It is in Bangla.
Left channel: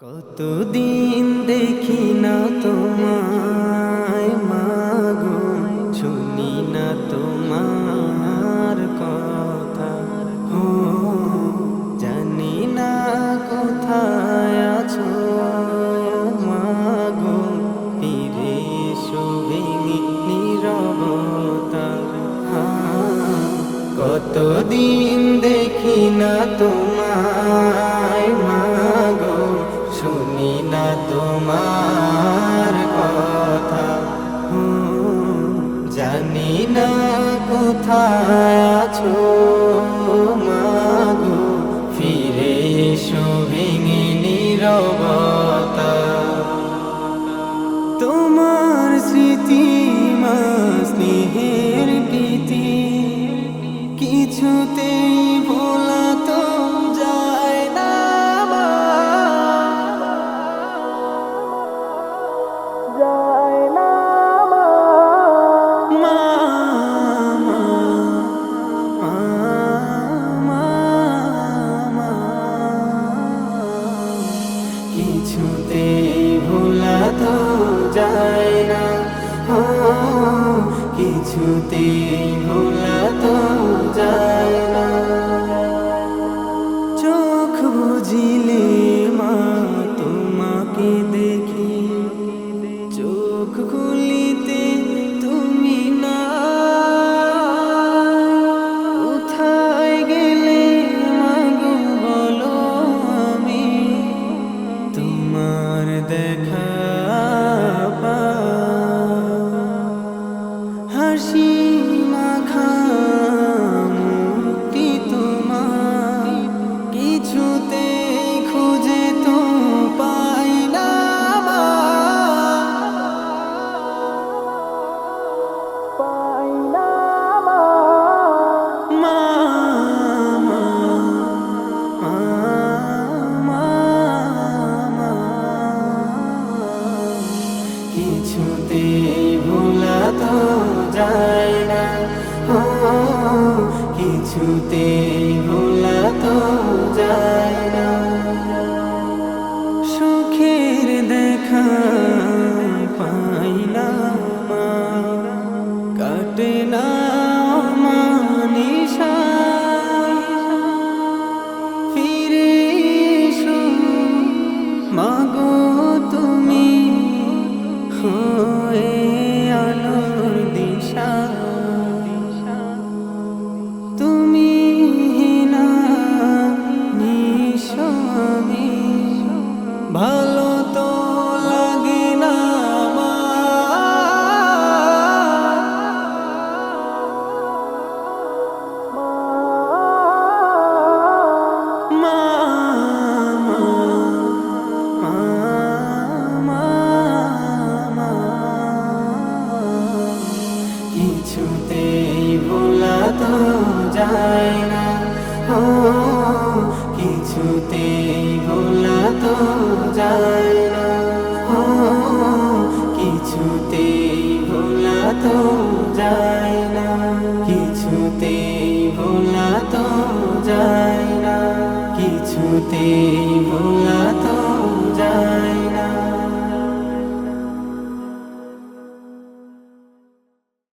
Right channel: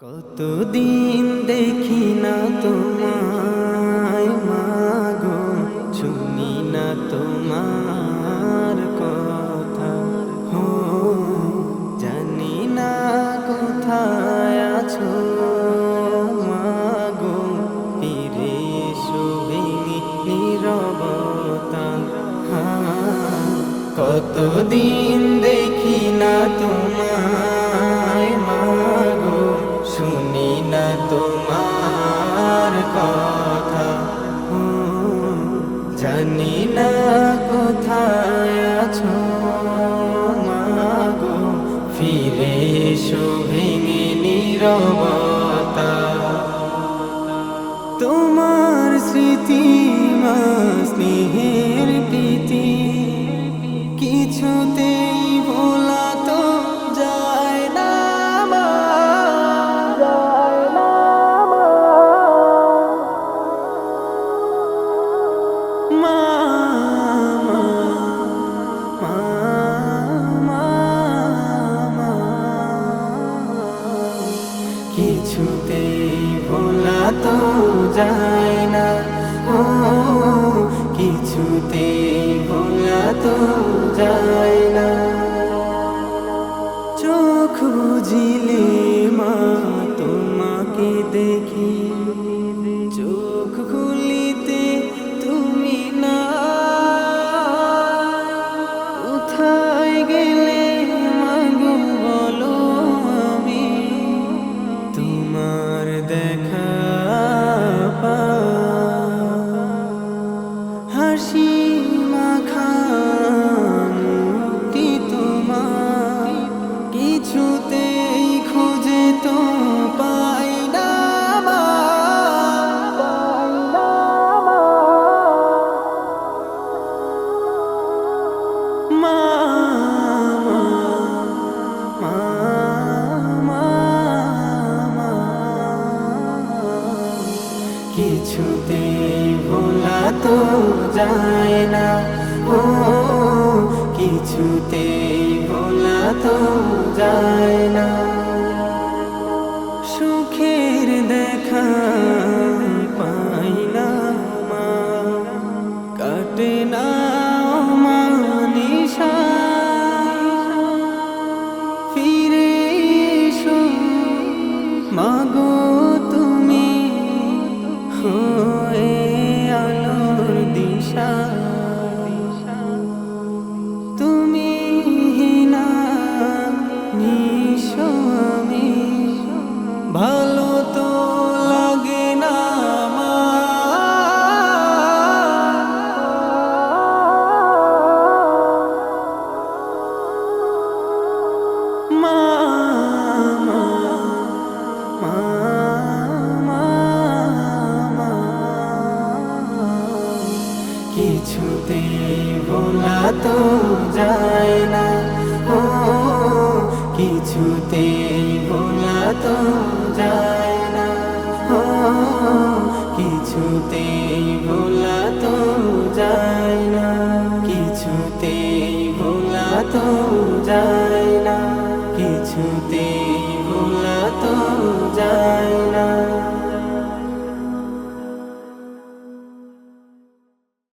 কতদিন দেখি না তোমায় মাগো শুনি না তোমার কথা। হো জানি না কোথায় আছো মাগো ফিরে এসো ভেঙে নীরবতা। হ্যাঁ, কতদিন দেখি মাগো ফিরে এসো ভেঙে নিরবতা। তোমার স্মৃতি স্নেহের প্রীতি কিছুতেই ভোলা যায় না। ও, কিছুতেই ভোলা তো যায় না। চোখ বুঝিলে মা, তোমাকে দেখি। চোখ খুলিতে তুমি না। কোথায় গেলে মাগো আমি? তোমার দেখা পাই। কিছুতেই ভোলা তো যায় না। ও, কিছুতেই ভোলা তো যায় না। সুখের দেখা পাই না মা। কাটে না মানিসা ফিরে এসো মাগো। হয়ে আলোর দিশা। তুমি হিনা নিশমি ভালো শান্তি ভোলা তো যায় ও, কিছুতে ভোলা তো যায় না। ও, কিছুতে ভোলা তো যায়